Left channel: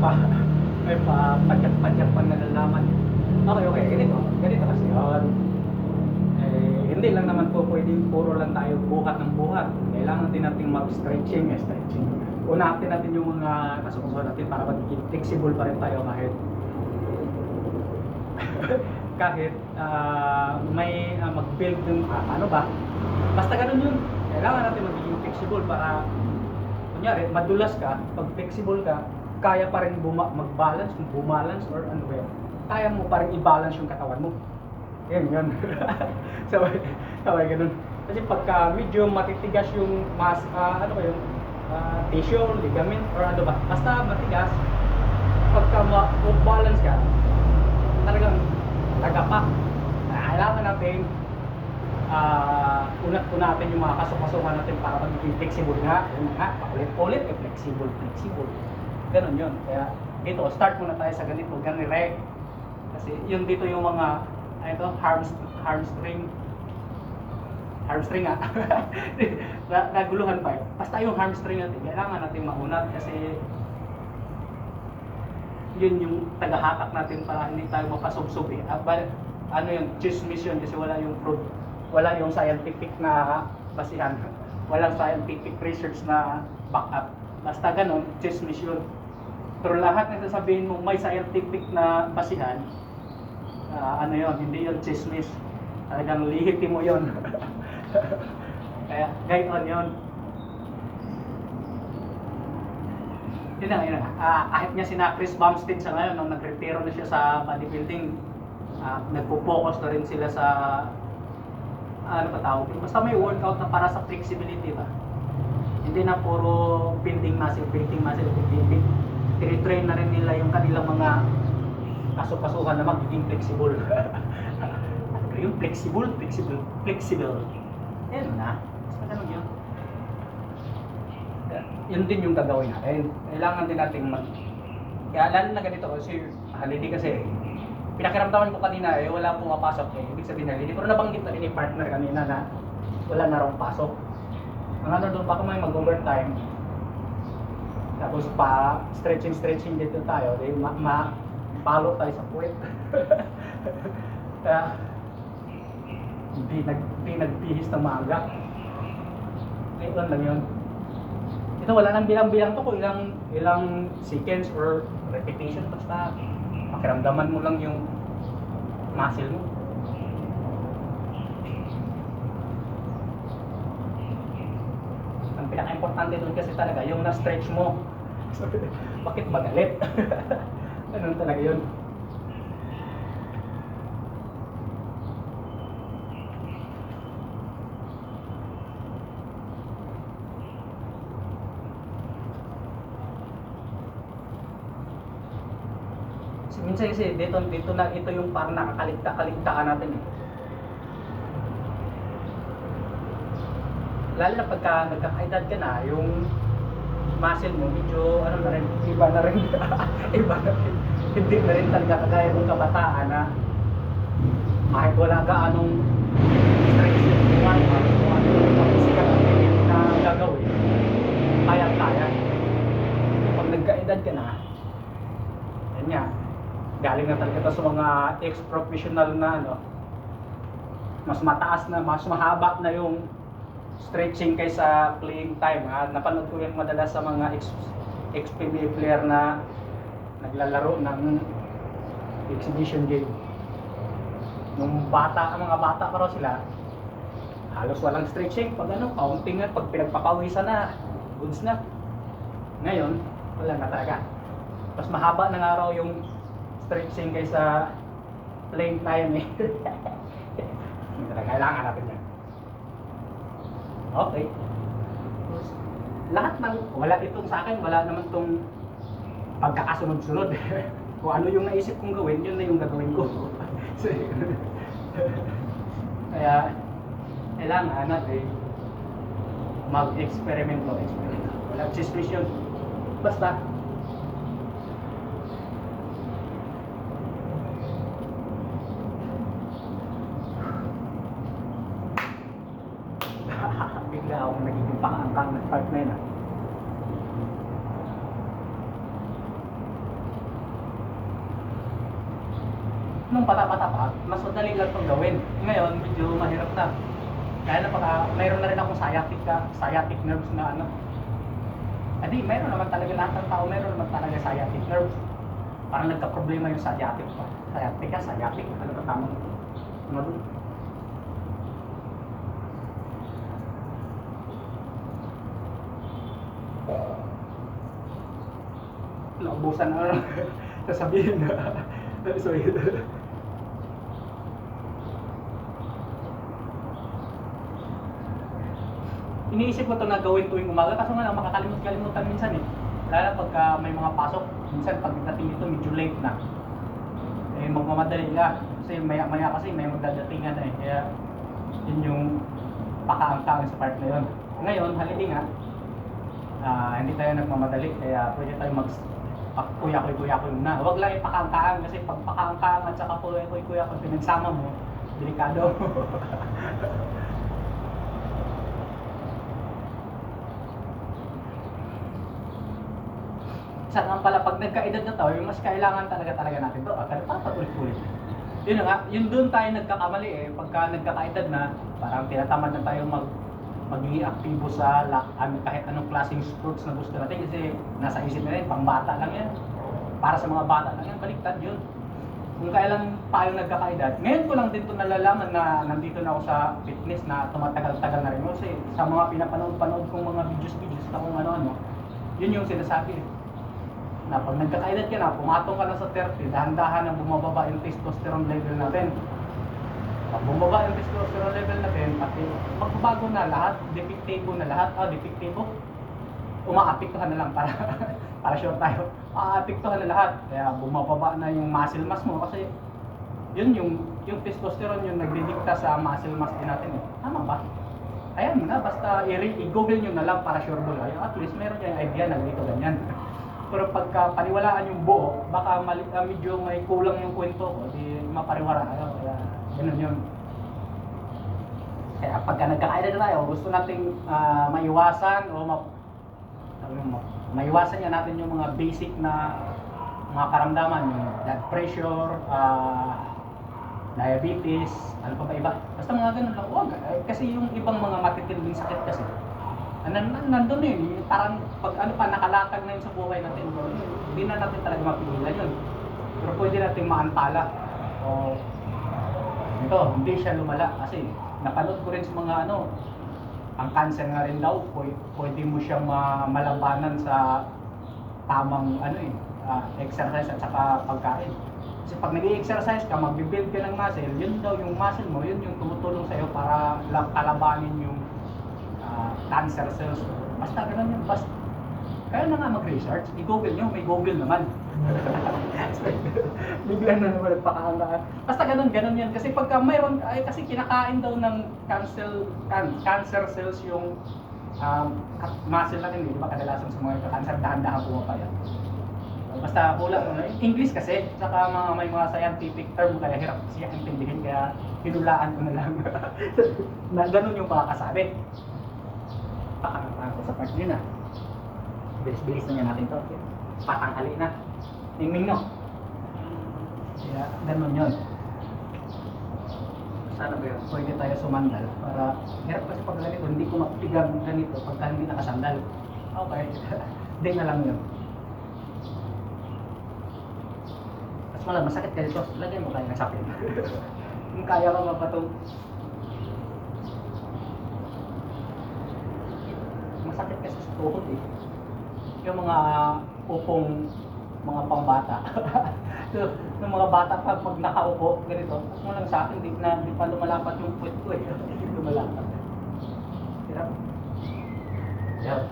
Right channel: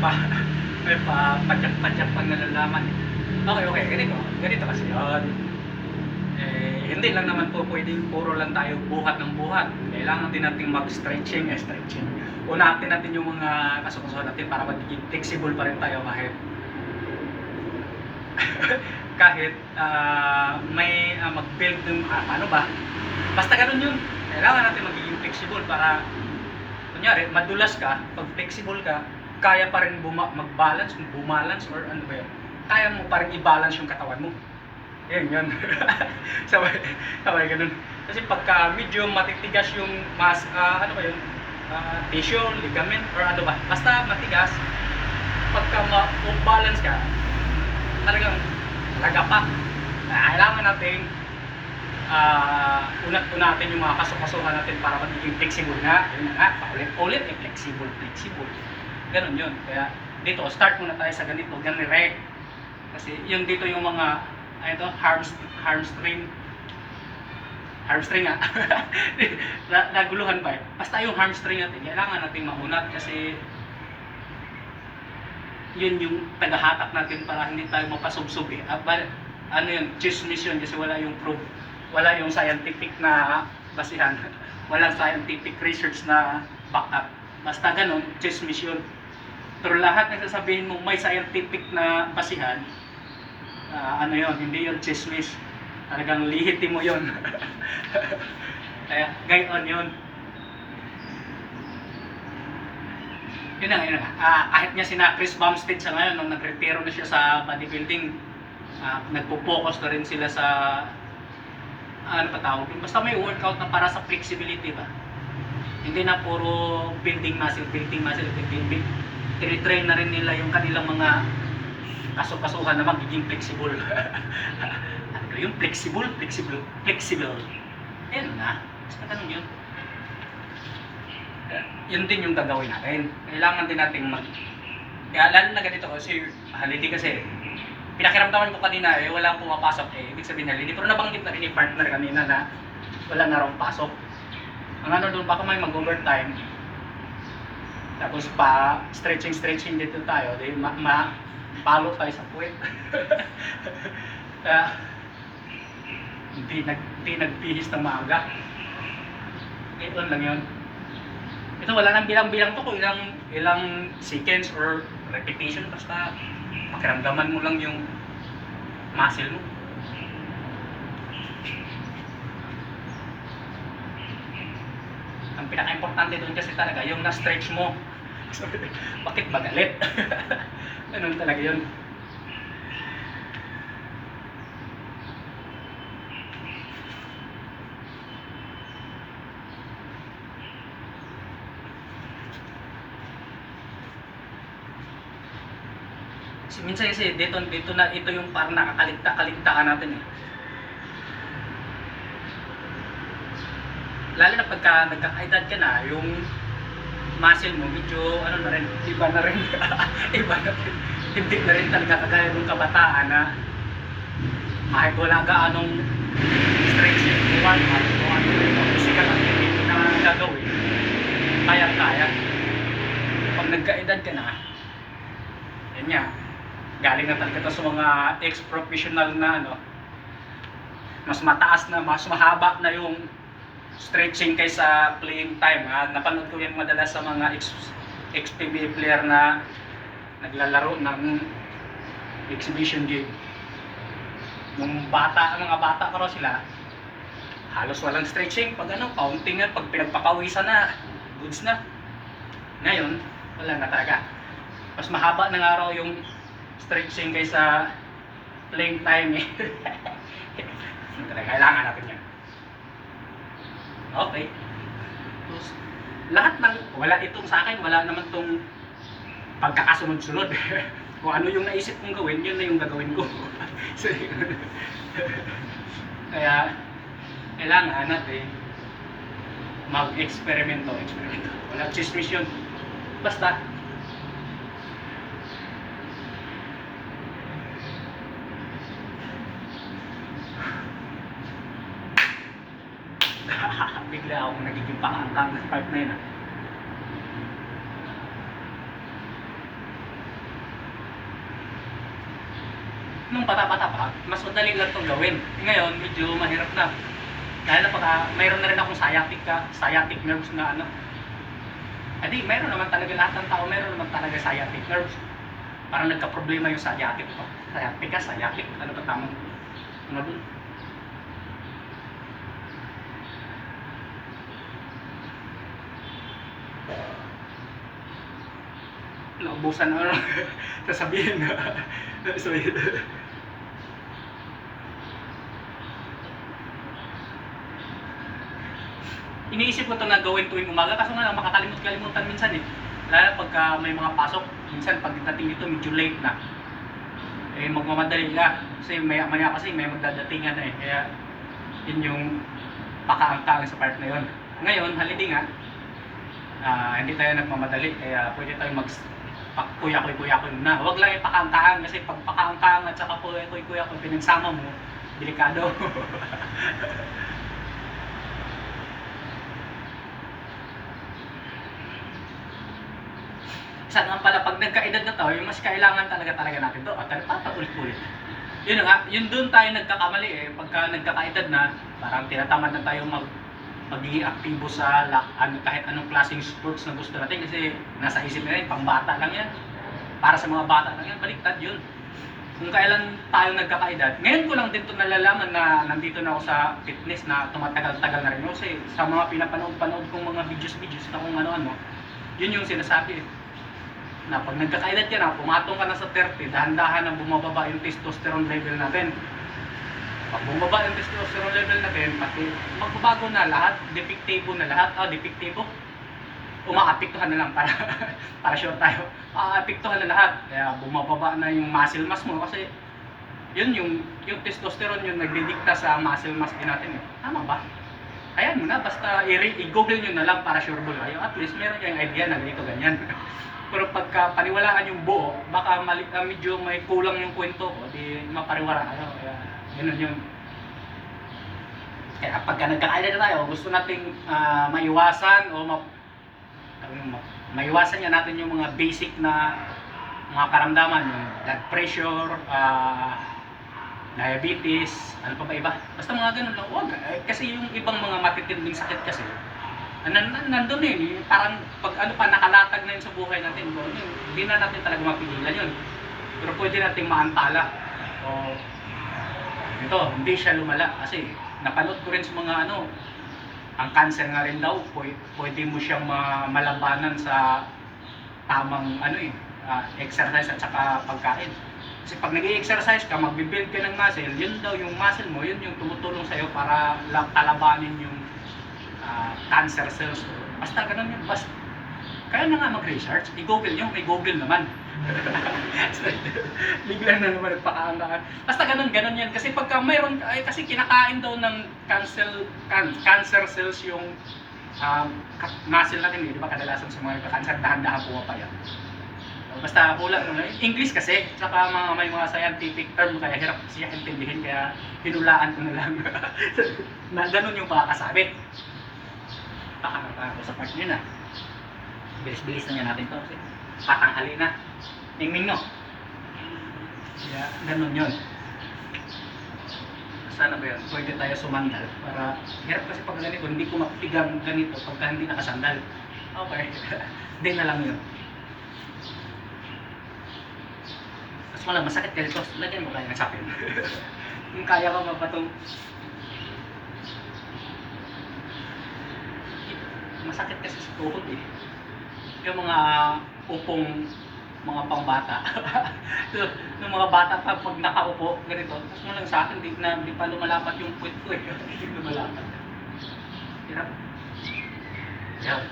may pa padyak-padyak pang nalalaman. Okay, ganito kasi yun. Hindi lang naman po pwedeng puro lang tayo buhat ng buhat. Kailangan din natin stretching. Unatin natin yung mga kasukusuhan natin para magiging flexible pa rin tayo kahit may mag-build ng ano ba. Basta ganun yun. Kailangan natin magiging flexible para kunyari, madulas ka, pag flexible ka, kaya pa rin mag-balance, bumalance or ano ba yun. Kaya mo pa rin i-balance yung katawan mo. Yun. sabay ganun. Kasi pagka medyo matitigas yung ano ba yun, tissue, ligament, or ano ba, basta matigas, pagka ma-balance ka, talagang lagapak. Kailangan natin unat-unatin yung mga kasukasuhan natin para magiging flexible nga. Yun nga, paulit-ulit, flexible. Ganun yun. Kaya dito, start muna tayo sa ganito, ganire. Kasi yung dito yung mga hamstring nga. Naguluhan pa eh. Basta yung hamstring natin, kailangan natin maunat kasi yun yung tagahatak natin para hindi tayo mapasubsob eh. Ano yun, chismis yun kasi wala yung proof, wala yung scientific na basihan, walang scientific research na back up. Basta ganun, chismis yun. Pero lahat ng sasabihin mo may scientific na basihan, ano yun, hindi yun chismis. Talagang lihitin mo yun. Kaya, gayon yun. Yun na. Kahit nga sina Chris Bumstead sa ngayon, nung nag-retiro na siya sa bodybuilding, nagpo-focus na rin sila sa ano pa tawag, basta may workout na para sa flexibility ba. Hindi na puro building muscle. Tinitrain na rin nila yung kanilang mga kasukasuhan na magiging flexible. Yung flexible. Ayun na. Basta ganun yun. Yun din yung gagawin natin. Kailangan din natin kaya lalo na ganito kasi halili kasi pinakiramdaman ko kanina wala pumapasok ibig sabihin halili. Pero nabanggit na rin ni partner kanina na wala na raw pasok. Ang ano doon baka may mag-overtime. Tapos pa stretching dito tayo. Dahil palo tayo sa puwet. Kaya hindi nagpihis ng maaga. Ito lang yun. Ito wala nang bilang-bilang to kung ilang seconds or repetition, basta pakiramdaman mo lang yung muscle mo. Ang pinaka-importante doon kasi talaga yung na-stretch mo. Bakit magalit? Ganun talaga yun. Minsan kasi dito na ito yung parang nakakaligtaan natin eh. Lalo na pagka nagkakaedad ka na, yung muscle mo medyo ano na rin, iba na rin. Hindi na rin talaga kagaya ng kabataan na kahit wala gaanong stretching physical activity na gagawin, kaya. Pag nagkaedad ka na, yan nga, galing na talaga sa mga ex-professional na mas mataas na, mas mahaba na yung stretching kaysa playing time. Napanood ko yan madalas sa mga ex-PBA player na naglalaro ng exhibition game. Nung mga bata pa raw sila, halos walang stretching. Pag counting pag pinagpapawisan na, goods na. Ngayon, wala na talaga. Mas mahaba na nga raw yung stretching kaysa playing time eh. Kailangan natin yan. Okay. Tapos, lahat ng, wala itong sa akin, wala naman itong pagkakasunod-sunod. Kung ano yung naisip kong gawin, yun na yung gagawin ko. Kaya, kailangan natin mag-eksperimento. Wala chismis yun. Basta, bigla akong nagiging pakaangkang na part na yun. nung bata-bata pa, mas madali lang itong gawin. Ngayon, medyo mahirap na. Dahil na pagka mayroon na rin akong sciatic nerves na ano. Adi, mayroon naman talaga lahat ng tao, mayroon naman talaga sciatic nerves. Parang nagka-problema yung sciatic pa. Sciatic, ano ba tamang? Ano dun? Naubusan na ano, sasabihin na. Sasabihin na. Iniisip ko ito na gawin tuwing umaga, kaso nga lang makakalimut-kalimutan minsan eh. Lalo pagka may mga pasok, minsan pagdating dito medyo late na. Eh magmamadali na, kasi maya kasi may magdadatingan na eh. Kaya yun yung pakaangkang sa part na yun. Ngayon, holiday nga, hindi tayo nagmamadali, kaya pwede tayo kuya-kuy na. Huwag lang ipakaangkahan kasi pag pakaangkahan at saka kuya-kuy kung pinagsama mo, delikado. Isa naman pala pag nagkaedad na tayo, yung mas kailangan talaga natin to. At ulit-ulit. Yun nga, yun doon tayo nagkakamali eh. Pagka nagkakaedad na, parang tinatamad na tayo magiging aktibo sa kahit anong klaseng sports na gusto natin kasi nasa isip na rin, pambata lang yan. Para sa mga bata lang yan, baliktad yun. Kung kailan tayo nagkakaedad, ngayon ko lang din ito nalalaman na nandito na ako sa fitness na tumatagal-tagal na rin kasi sa mga pinapanood kong mga videos na kung ano-ano, yun yung sinasabi eh. Na pag nagkakaedad ka na, pumatong ka na sa 30, dahan-dahan na bumababa yung testosterone level natin. Pag bumaba yung testosterone level natin, pati magbabago na lahat, defectable na lahat, defectable, umaapektuhan na lang para sure tayo, aapektuhan na lahat. Kaya bumababa na yung muscle mass mo kasi yun yung testosterone yung nagdidikta sa muscle mass din natin eh. Tama ba? Ayan mo na, basta i-google nyo na lang para sure doon kayo. At least meron kayong idea na ganito ganyan. Pero pagka paniwalaan yung buo, baka medyo may kulang yung kwento ko, di mapariwara kayo. Kaya ganun yun. Kaya pagka nagkakaedad na tayo, gusto nating maiwasan o maiwasan niya natin yung mga basic na mga karamdaman, yung blood pressure, diabetes, ano pa ba iba? Basta mga ganun lang. Huwag. Kasi yung ibang mga matitinding sakit kasi, nandun eh, parang pag ano pa nakalatag na yun sa buhay natin, hindi na natin talaga mapigilan yun. Pero pwede natin maantala. O ito, hindi siya lumala kasi napanood ko rin sa mga ano, ang cancer nga rin daw, pwede mo siyang malabanan sa tamang ano exercise at saka pagkain. Kasi pag nag-i-exercise ka, magbibuild ka ng muscle, yun daw yung muscle mo, yun yung tumutulong sa'yo para kalabanin yung cancer cells. Basta ganun yun. Basta, kaya na nga mag-research, i-google nyo, may Google naman. Bigla na naman nagpakaangkaan. Basta ganun yan. Kasi pagka mayroon, kasi kinakain daw ng cancer cells yung muscle natin, di ba kadalasan sa mga cancer, dahan-dahan pumapayat. Basta kulang mo na. English kasi, saka may mga scientific term, kaya hirap siya intindihin, kaya hinulaan ko na lang. Na ganun yung pakakasabi. Pakakako sa part nyo na. Bilis-bilis na niya natin to kasi patanghali na. Mingming no. Kaya ganun yun. Sana ba yun? Pwede tayo sumandal para hirap kasi pag ganito, hindi ko mapigang ganito pagka hindi nakasandal. Okay. Hindi na lang yun. Mas wala, masakit ka dito. Lagyan mo kaya ng sapin. Kung kaya ka mapatong masakit kasi sa tuhod eh. Yung mga upong mga pangbata. Yung mga bata pa pag nakaupo ganito, tapos mo lang sa akin di pa lumalapat yung puwet ko eh. Hindi lumalapat. Hirap. Hirap.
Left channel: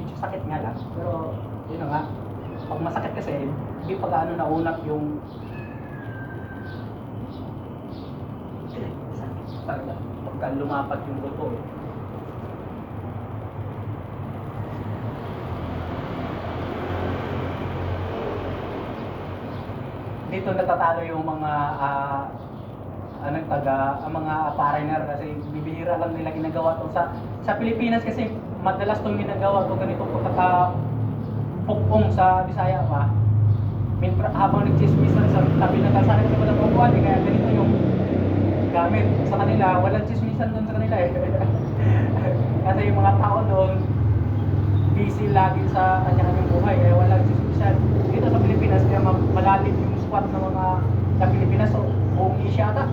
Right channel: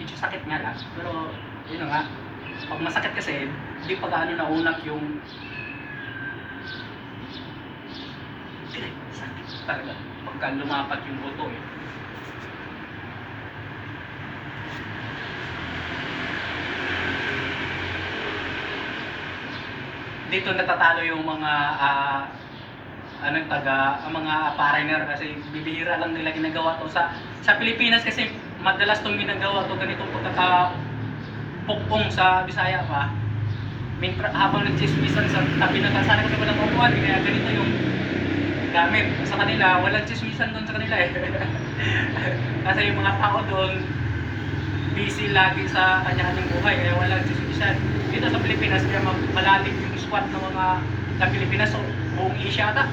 Medyo sakit nga lang, pero yun na nga. Pag masakit kasi, hindi pa gaano naunat yung sakit talaga. Pagka lumapat yung buto eh. Dito natatalo yung mga mga foreigner kasi bibihira lang nila ginagawa to sa Pilipinas kasi madalas tong ginagawa to ganitong pagkakapukpong sa Bisaya pa. habang nagchismisan sa tabi ng kalsada kasi walang upuan, kaya ganito yung gamit. Sa kanila, walang chismisan doon sa kanila eh. Kasi yung mga tao doon, busy lagi sa kanya-kanyang buhay, kaya walang chismisan. Dito sa Pilipinas, kaya malalim yung squat ng mga sa Pilipinas, so buong Asia ata.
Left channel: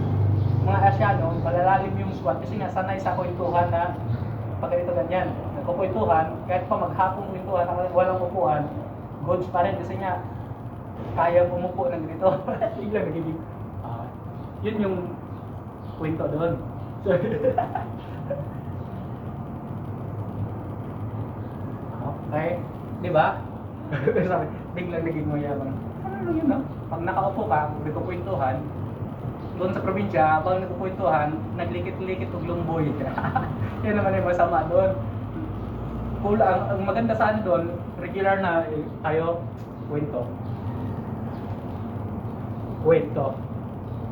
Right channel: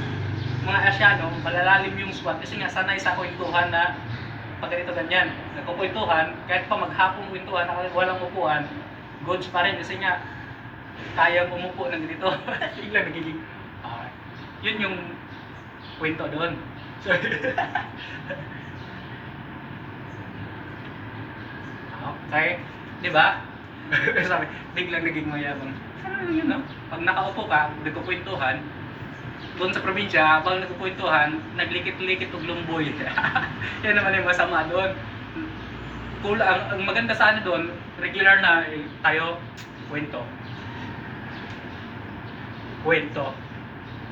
Mga Asiano, malalalim yung squat kasi nga sanay sa kwentuhan na pag ganito ganyan. Nagkukwentuhan, kahit pa maghapong kwentuhan, walang upuan, goods pa rin kasi nga kaya umupo ng ganito. Biglang nagiging yun yung kwento doon. So, okay, di ba? Sabi, biglang naging mayabang. Ano lang yun, no? Pag nakaupo ka, nagkukwentuhan, doon sa probinsya, habang nagkukwentuhan, naglikit-likit og lumboy. Yan naman yung masama doon. Ang maganda sa ano doon, regular na tayo, kwento.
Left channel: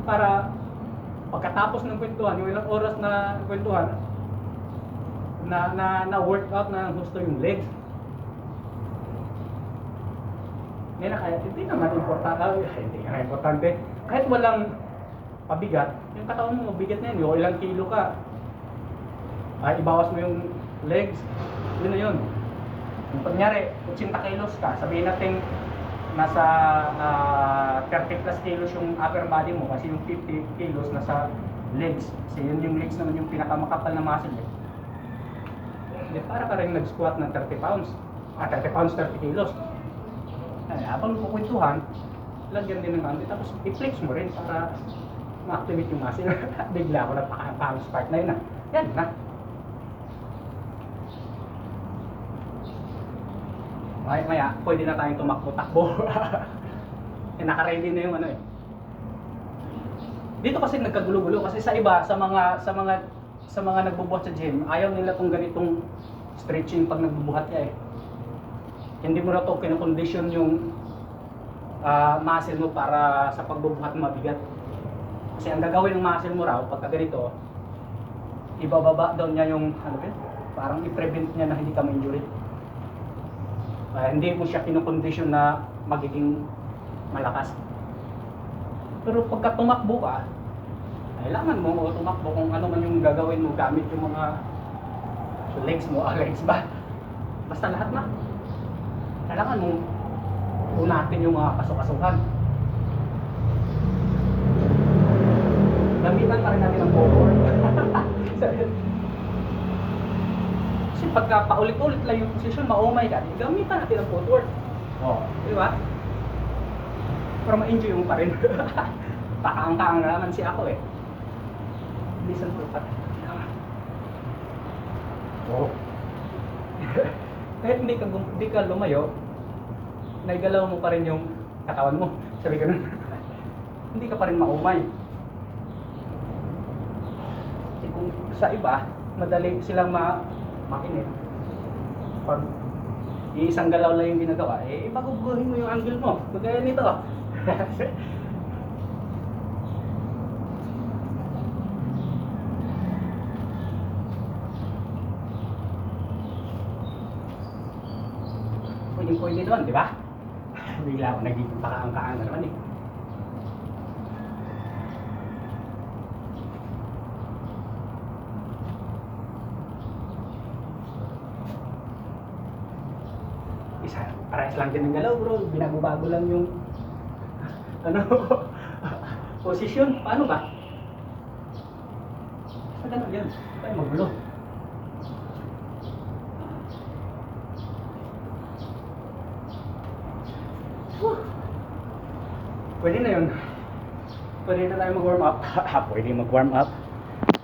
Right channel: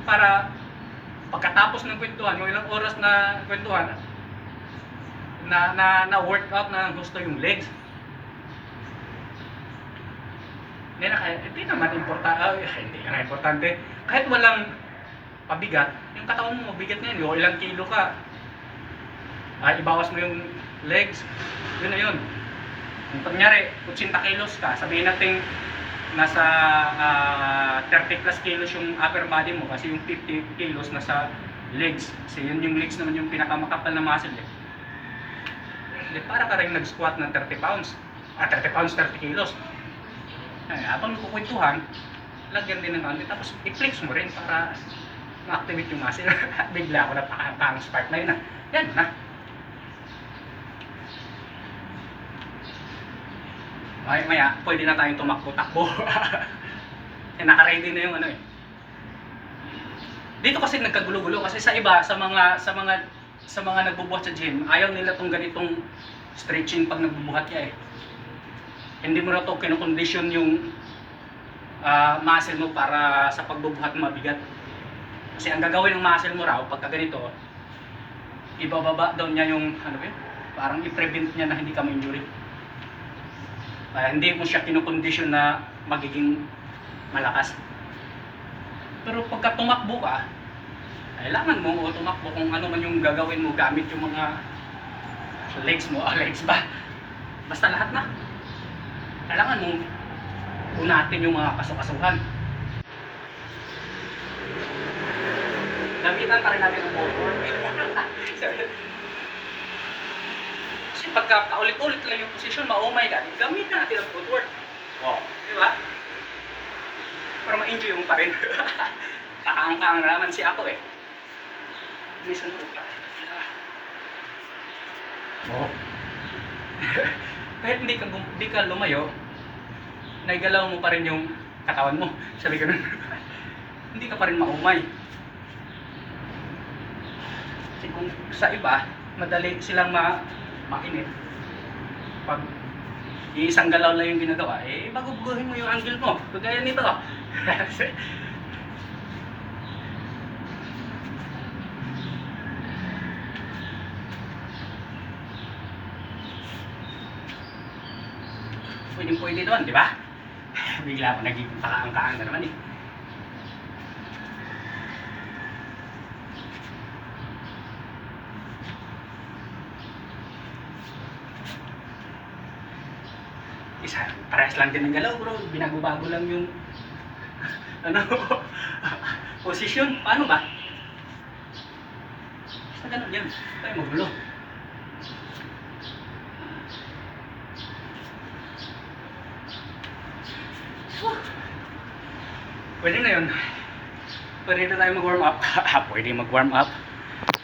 Para pagkatapos ng kwentuhan, yung ilang oras na kwentuhan, na workout na gusto yung legs. Hindi naman importante. Kahit walang pabigat, yung katawan mo mabigat na yun, o ilang kilo ka, ibawas mo yung legs, yun na yun. Kung kunyari, 80 kilos ka, sabihin natin nasa 30 plus kilos yung upper body mo kasi yung 50 kilos nasa legs. Kasi yun yung legs naman yung pinakamakapal na muscle eh. Para ka rin nag-squat ng 30 pounds. 30 pounds, 30 kilos. Habang kukwentuhan, lagyan din ng konti. Tapos i-flex mo rin para ma-activate yung muscle. Bigla ako napakahang spark na yun. Yan na. Maya, pwede na tayong tumakbo-takbo. Naka-ready na yung ano eh. Dito kasi nagkagulo-gulo kasi sa iba, sa mga nagbubuhat sa gym, ayaw nila tong ganitong stretching pag nagbubuhat ka eh. Hindi mo na to kinokondisyon yung muscle mo para sa pagbubuhat mabigat. Kasi ang gagawin ng muscle mo raw pagka ganito, ibababa daw niya yung parang i-prevent niya na hindi ka ma-injury. Hindi mo siya kinokondisyon na magiging malakas. Pero pagka tumakbo ka, kailangan mo tumakbo kung ano man yung gagawin mo gamit yung mga legs mo, legs ba? Basta lahat na. Kailangan mo unatin yung mga kasukasuhan. Gamitan pa rin natin ang footwork. Kasi pagka paulit-ulit lang yung position, maumay ka, gamitan natin ang footwork. Di ba? Para ma-enjoy mo pa rin. Pakaang-kaang naman si ako eh. Listen po pa. Kahit hindi ka lumayo, naigalaw mo pa rin yung katawan mo. Sabi ganun. Hindi ka pa rin maumay. Kasi kung sa iba, madali silang mainit. Pag isang galaw lang yung ginagawa, baguguhin mo yung angle mo. Kagaya nito. Pwede doon, di ba? Bigla ako naging pakaang-kaang na naman eh. Parehas lang din ng galaw bro, binago-bago lang yung posisyon. Paano ba? Basta ganun yan, tayo magulo. Pwede na yun. Pwede na tayo mag-warm up. Pwede mag-warm up.